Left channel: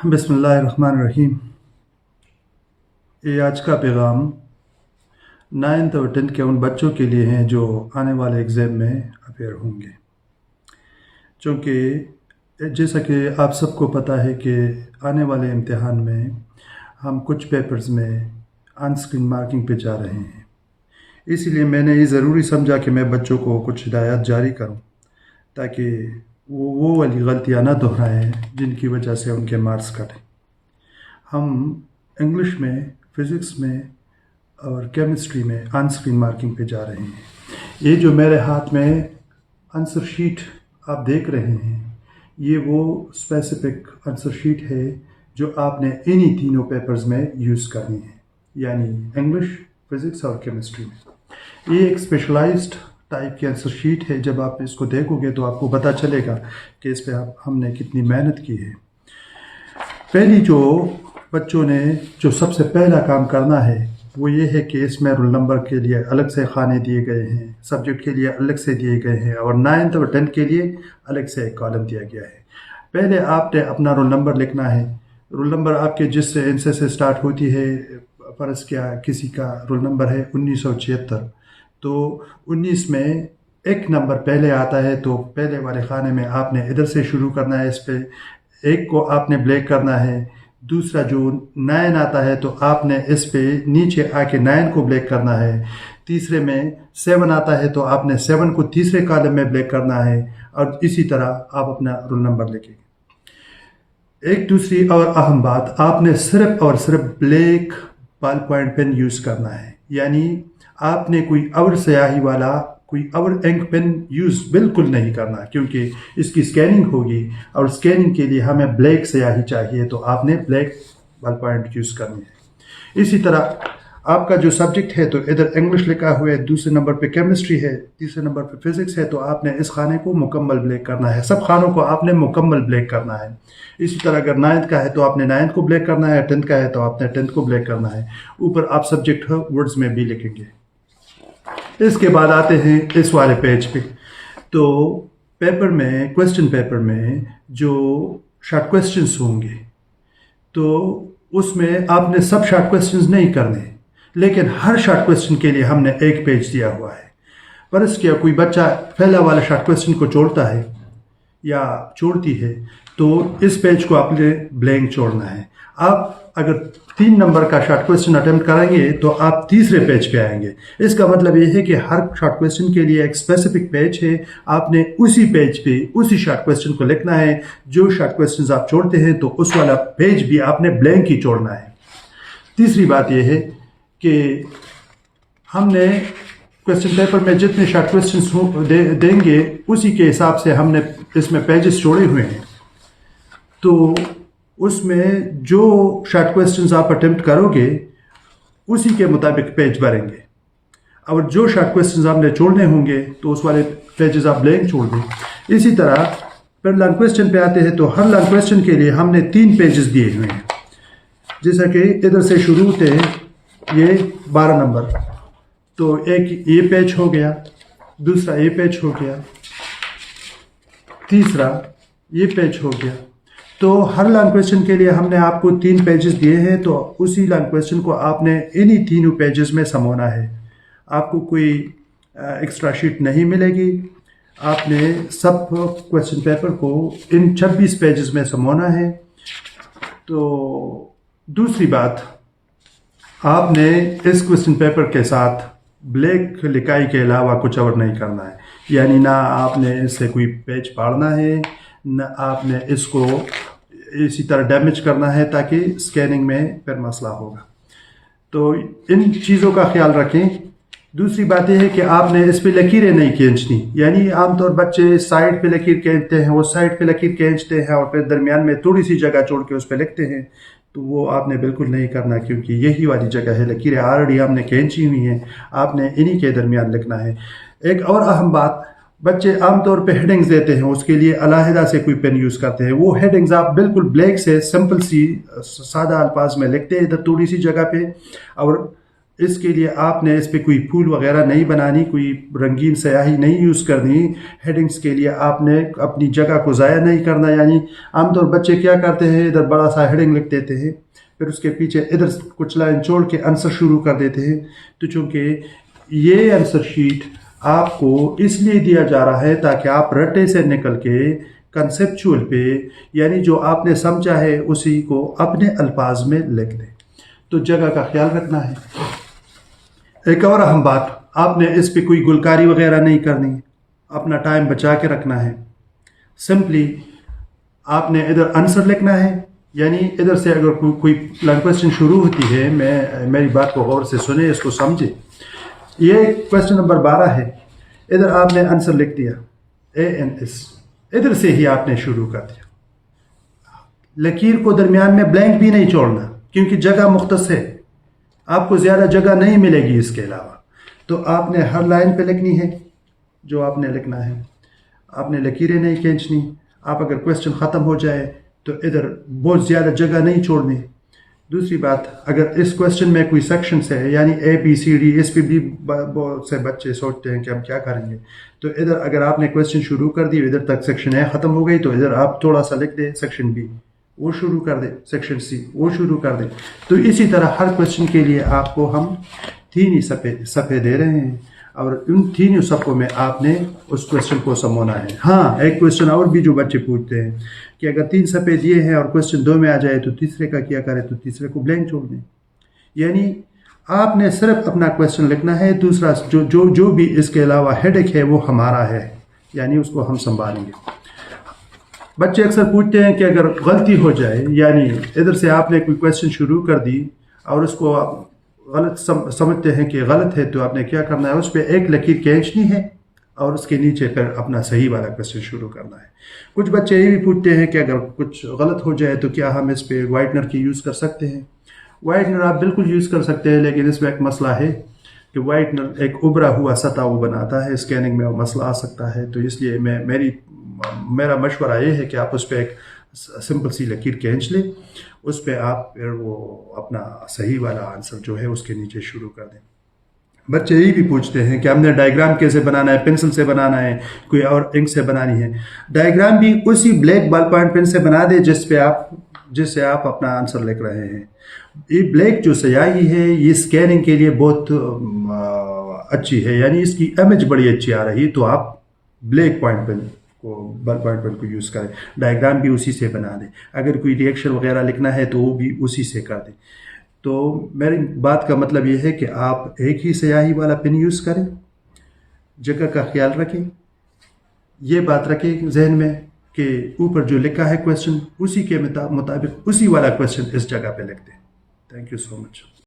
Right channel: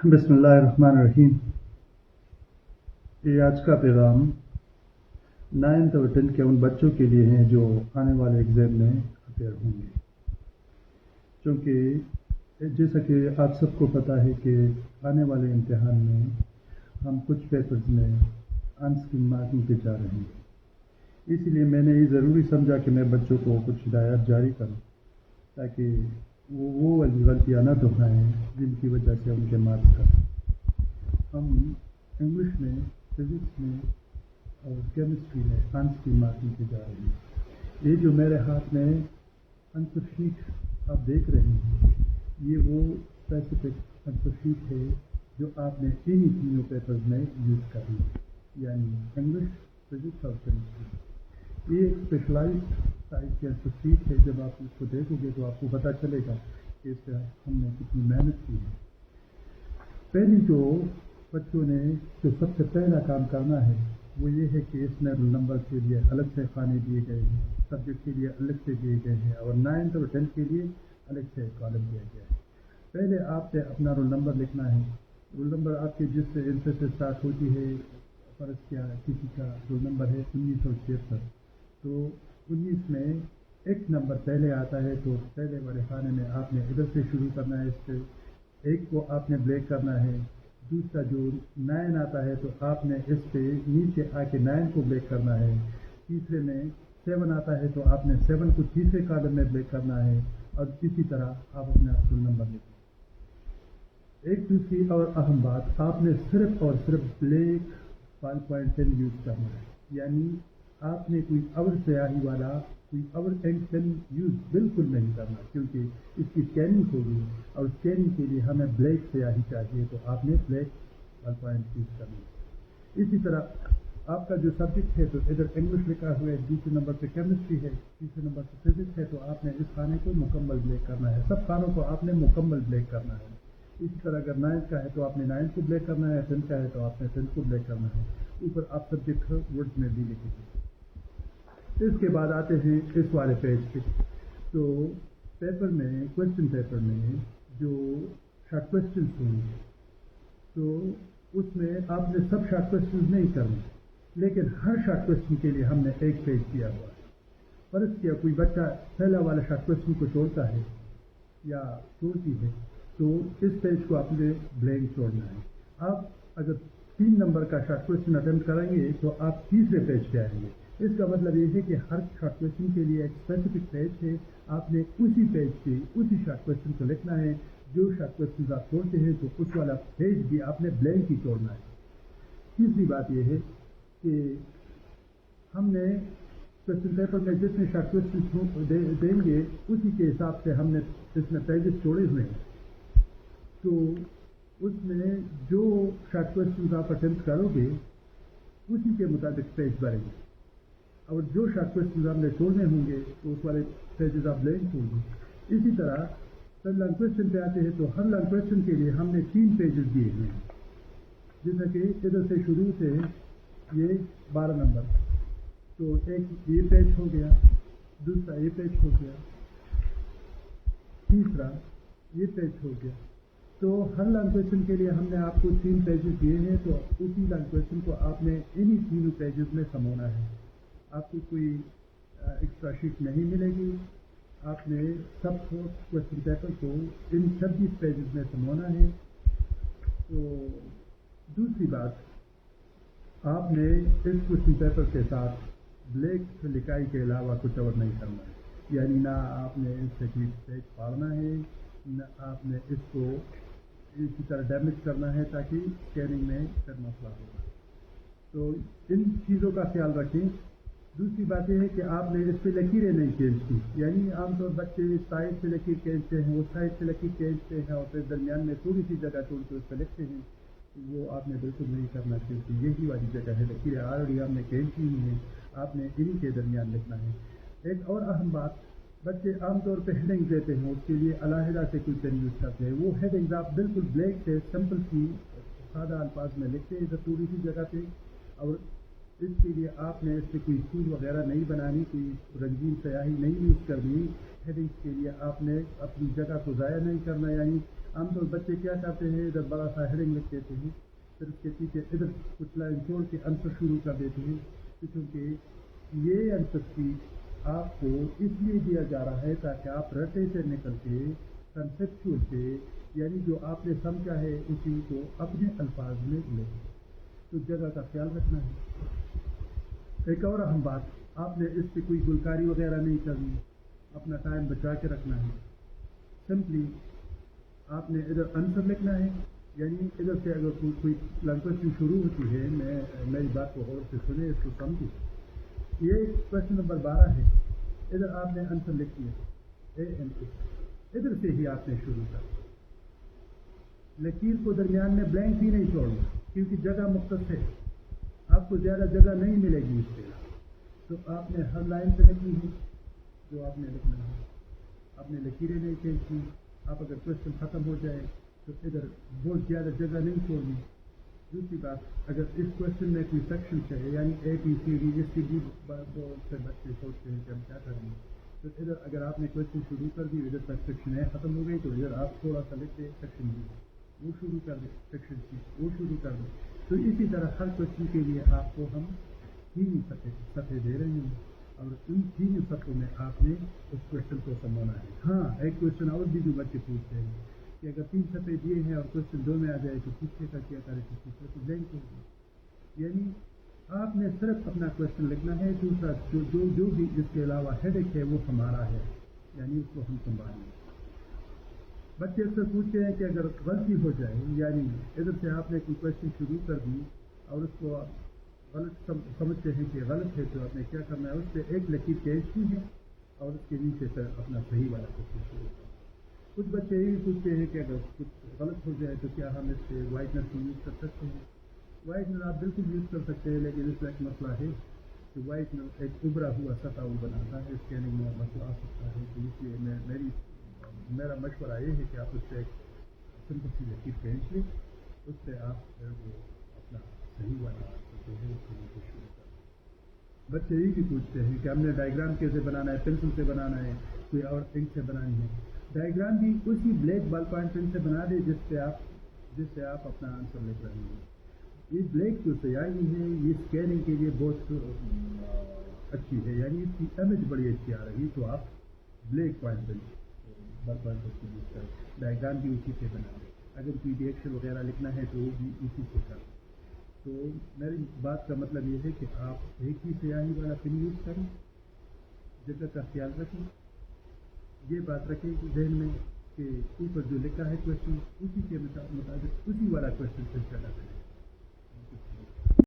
बिस्मिल्लाहिर्रहमानिर्रहीम। ये आज का पैगाम 9th और 10th के उन बच्चों के लिए हैं जो आने वाले एग्ज़ाम में अपेयर होंगे। चूँकि जैसा कि आप सबको पता है कि आने वाले इम्तिहान में हम कुछ पेपर्स में ऑन स्क्रीन मार्किंग पे जा रहे हैं, इसीलिए मैंने ये ज़रूरी समझा कि मैं बच्चों को कुछ हिदायत जारी करूं ताकि वो वाली गलतियां ना दोहराएं जिनकी वजह से उनके मार्क्स कटें। हम इंग्लिश में, फ़िज़िक्स में और केमिस्ट्री में ऑन स्क्रीन मार्किंग पे जा रहे हैं। ये जो मेरे हाथ में आंसर शीट आप देख रहे हैं, ये वो स्पेसिफिक आंसर शीट है जो आपने इन्हीं तीनों पेपर्स में यूज़ करनी है, यानी इंग्लिश, फ़िज़िक्स और केमिस्ट्री में। ये एक स्पेशलाइज्ड टाइप की आंसर शीट है। जब आप इसको देखोगे तो आपको पता चलेगा कि इस पर हमने कितनी मेहनत की है। पहली जो बच्चों ने जो सबसे पहला काम करना है वो ये है कि इसमें रोल नंबर के लिए अलग से खाने दिए गए हैं, सब्जेक्ट के लिए अलग से दिए गए हैं और 9th और 10th के लिए अलग से एक कॉलम दिया गया है। पहले आपने अपना रोल नंबर लिखना है। रोल नंबर आपके जिस इंसे से स्टार्ट होती है, फ़र्ज़ क्या किसी का रोल नंबर है 1976, तो 19 में एक नंबर पहले आता है, तो पहले वाले खाने में आपने इधर से शुरू करना है। इस पे एक को आपने ब्लैक करना है। दूसरा जो 9 आता है तो आपने इस पे नीचे आके 9 को ब्लैक करना है। तीसरे में 7 आता है तो आपने 7 को तीसरे कॉलम में ब्लैक करना है और इसी तरह आप अपना रोल नंबर लिखेंगे। एक दूसरी और अहम बात, आपने सिर्फ और सिर्फ black ball point pen use करना है, यानी आपने कोई और स्याही वाला, कोई और इंक पेन यूज़ बिल्कुल नहीं करना, क्योंकि इसकी स्कैनिंग होगी और स्कैनिंग के लिए हमें ब्लैक स्याही चाहिए, तो आपने ब्लैक बॉल पॉइंट यूज़ करनी है। इसी तरह आपका जो सब्जेक्ट है तो इधर इंग्लिश लिखा हुआ है, दूसरे नंबर पे केमिस्ट्री है, तीसरे नंबर पे फिज़िक्स है, तो आपने इस खाने को मुकम्मल ब्लैक करना है। सब खानों को आपने मुकम्मल ब्लैक करना है। इसी तरह अगर 9th का है तो आपने 9th को ब्लैक करना है, 10th का है तो आपने 10th को ब्लैक करना है। ऊपर आप सब्जेक्ट वर्ड्स में भी लिखेंगे। इसके बाद आते हैं इस वाले पेज पे। तो पेपर में, क्वेश्चन पेपर में जो शॉर्ट क्वेश्चंस होंगे तो उसमें आपने सब शॉर्ट क्वेश्चंस नहीं करने, लेकिन हर शॉर्ट क्वेश्चन के लिए हमने एक पेज दिया हुआ है। पर इसके कोई बच्चा पहला वाला शॉर्ट क्वेश्चन को छोड़ता है या छोड़ती है तो इस पेज को आपने ब्लैंक छोड़ना है। आप अगर 3 नंबर का शॉर्ट क्वेश्चन अटेम्प्ट करेंगे तो आप तीसरे पेज पे आएंगे। इसका मतलब ये है कि हर शॉर्ट क्वेश्चन के लिए एक स्पेसिफिक पेज है, आपने उसी पेज पे उसी शॉर्ट क्वेश्चन को लिखना है। जो शॉर्ट क्वेश्चन आप छोड़ते हैं तो उस वाला पेज भी आपने ब्लैंक ही छोड़ना है। तीसरी बात यह है कि हमने क्वेश्चन पेपर में जितने शॉर्ट क्वेश्चन देंगे उसी के हिसाब से हमने इसमें पेजेस छोड़े हुए हैं। तो उसमें जो शॉर्ट क्वेश्चंस आप अटेम्प्ट करोगे उसी के मुताबिक पेज भरेंगे, और जो शॉर्ट क्वेश्चंस आपने छोड़ने होंगे तो उस वाले पेजेस आप ब्लैंक छोड़ दें। इसी तरह फिर लॉन्ग क्वेश्चन पे आते हैं तो हर लॉन्ग क्वेश्चन के लिए हमने 3 पेजेस दिए हुए हैं। जैसा कि इधर से शुरू होते हैं, ये 12 नंबर, तो एक ये पेज हो गया, दूसरा ये पेज हो गया, तीसरा ये पेज हो गया। तो हर लॉन्ग क्वेश्चन के लिए हमने आपको 3 पेजेस दिए हैं, तो उसी लॉन्ग क्वेश्चन को आपने इन्हीं तीनों पेजेस में समोना है। आपको कोई एक्स्ट्रा शीट नहीं मिलेगी। आपने सब क्वेश्चन पेपर को इन 26 पेजेस में समोना है। तो दूसरी बात, आपने इस क्वेश्चन पेपर के साथ ब्लैक लिखाई के अलावा कुछ और नहीं करना है, यानी ना आपने इससे कोई पेज फाड़ना है, न आपने इसको इसी तरह डैमेज करना है ताकि स्कैनिंग में फिर मसला होगा। तो इन चीज़ों का ख्याल रखें। दूसरी बात यह है कि आपने इस पे लकीरें नहीं खींचनी, यानी आमतौर बच्चे साइड पे लकीर खींचते हैं, वो साइड पे लकीर खींचते हैं और फिर दरमियान में थोड़ी सी जगह छोड़ के उस पर लिखते हैं। तो वो आपने बिल्कुल नहीं करना, क्योंकि यही वाली जगह है, लकीरें ऑलरेडी हमने खींची हुई हैं, आपने इन्हीं के दरमियान लिखना है। एक और अहम बात, बच्चे आमतौर पे हेडिंग्स देते हैं, उसके लिए अलहदा से कोई पेन यूज़ करते हैं। वो हेडिंग्स आप बिल्कुल ब्लैक से सिंपल सी सादा अल्फाज में लिखते हैं इधर थोड़ी सी जगह पे, और اس کے لیے آپ نے اس پہ کوئی پھول وغیرہ نہیں بنانی، کوئی رنگین سیاہی نہیں یوز کرنی. ہیڈنگس کے لیے آپ نے اپنی جگہ کو ضائع نہیں کرنا. یعنی عام طور بچے کیا کرتے ہیں، ادھر بڑا سا ہیڈنگ لکھ دیتے ہیں، پھر اس کے پیچھے ادھر کچھ لائن چھوڑ کے آنسر شروع کر دیتے ہیں. تو چونکہ یہ آنسر شیٹ آپ کو اس لیے دیا جا رہا ہے تاکہ آپ رٹے سے نکل کے کنسیپچول پہ، یعنی جو آپ نے سمجھا ہے اسی کو اپنے الفاظ میں لکھ دیں. تو جگہ کا خیال رکھنا ہے. ایک اور اہم بات، آپ نے اس پہ کوئی گلکاری وغیرہ نہیں کرنی، اپنا ٹائم بچا کے رکھنا ہے. سمپلی آپ نے ادھر آنسر لکھنا ہے. یعنی ادھر سے اگر کوئی کویسچن شروع ہوتی ہے، میری بات کو غور سے سنیں، اس کو سمجھیں. یہ کویسچن نمبر 12 ہے. ادھر آپ نے آنسر لکھ دیا ANS، ادھر سے ہی آپ نے شروع کر دیا. لکیر کو درمیان میں بلینک بھی نہیں چھوڑنا کیونکہ جگہ مختص ہے، آپ کو زیادہ جگہ نہیں ملے گی اس کے علاوہ. تو آپ نے ہر لائن پہ لکھنی ہے جو آپ نے لکھنا ہے. آپ نے لکیریں نہیں کھینچنی. آپ اگر کویسچن ختم ہو جائے تو ادھر بہت زیادہ جگہ نہیں چھوڑنی. دوسری بات، اگر اس کویسچن میں کوئی سیکشنس ہے، یعنی ABCD، اس پہ بھی بہت سے بچے سوچتے ہیں کہ ہم کیا کریں گے. تو ادھر اگر آپ نے کویسچن شروع کر دی، ادھر تک سیکشن A ختم ہو گئی، تو ادھر آپ تھوڑا سا لکھ دیں سیکشن B، وہ شروع کر دیں، سیکشن C وہ شروع کر دیں. تو اسی طرح ہر کویسچن کے لیے آپ کو ہم 3 ہی صفحے دے رہے ہیں، اور ان 3 صفحوں میں آپ نے اس کویسچن کو سمجھنا ہے. ہاں، ایک کویسچن اور بھی جو بچے پوچھتے ہیں کہ اگر 3 صفحے دیے ہیں اور کویسچن 2 میں آ جائے تو تیسرے کا کیا کرے، تو تیسرے کو بلینک چھوڑ دیں. یعنی آپ نے صرف اپنا کویسچن لکھنا ہے. دوسرا جو بھی اس کے علاوہ ہیڈک ہے وہ ہمارا ہے، یعنی اس کو ہم سنبھالیں گے. بچے اکثر پوچھتے ہیں کہ اگر غلطی ہو جائے، یعنی ادھر سے آپ نے کوئی کویسچن شروع کر دی اور اس کو آپ غلط سمجھتے ہیں کہ غلط ہے، تو آپ نے کیا کرنا ہے، اس پہ ایک لکیر کھینچنی ہے اور اس کے نیچے پھر اپنا صحیح والا کویسچن شروع کرنا ہے. کچھ بچے یہ بھی پوچھتے ہیں کہ اگر کچھ غلط ہو جائے تو کیا ہم اس پہ وائٹنر کی یوز کر سکتے ہیں. وائٹنر آپ بالکل یوز کر سکتے ہیں، لیکن اس میں ایک مسئلہ ہے کہ وائٹنر ایک ابھرا ہوا سطح وہ بناتا ہے، اسکیننگ میں وہ مسئلہ آ سکتا ہے. تو اس لیے میرا مشورہ یہ ہے کہ آپ اس پہ ایک سمپل سی لکیر کھینچ لیں، اس پہ آپ پھر وہ اپنا صحیح والا آنسر جو ہے اس کے نیچے شروع کر دیں. بچے یہ بھی پوچھتے ہیں کہ ہم نے ڈائیگرام کیسے بنانا ہے، پنسل سے بنانا ہے، کوئی اور انک سے بنانی ہے. ڈائیگرام بھی اسی بلیک بال پوائنٹ پین سے بنا دے جس سے آپ اپنا آنسر لکھ رہے ہیں. یہ بلیک جو سیاہی ہے یہ اسکیننگ کے لیے بہت اچھی ہے، یعنی اس کی امیج بڑی اچھی آ رہی ہے. تو آپ بلیک پوائنٹ پین بال پوائنٹ پین کو یوز کریں. ڈائیگرام بھی اسی سے بنا دیں. اگر کوئی ریئیکشن وغیرہ لکھنا ہے تو وہ بھی اسی سے کر دیں. تو میری بات کا مطلب یہ ہے کہ آپ ایک ہی سیاہی والا پن یوز کریں، جگہ کا خیال رکھیں. یہ بات رکھیں ذہن میں کہ اوپر جو لکھا ہے کویسچن اسی کے مطابق اسی والا کویسچن اس جگہ پہ لکھ دیں. Thank you so much.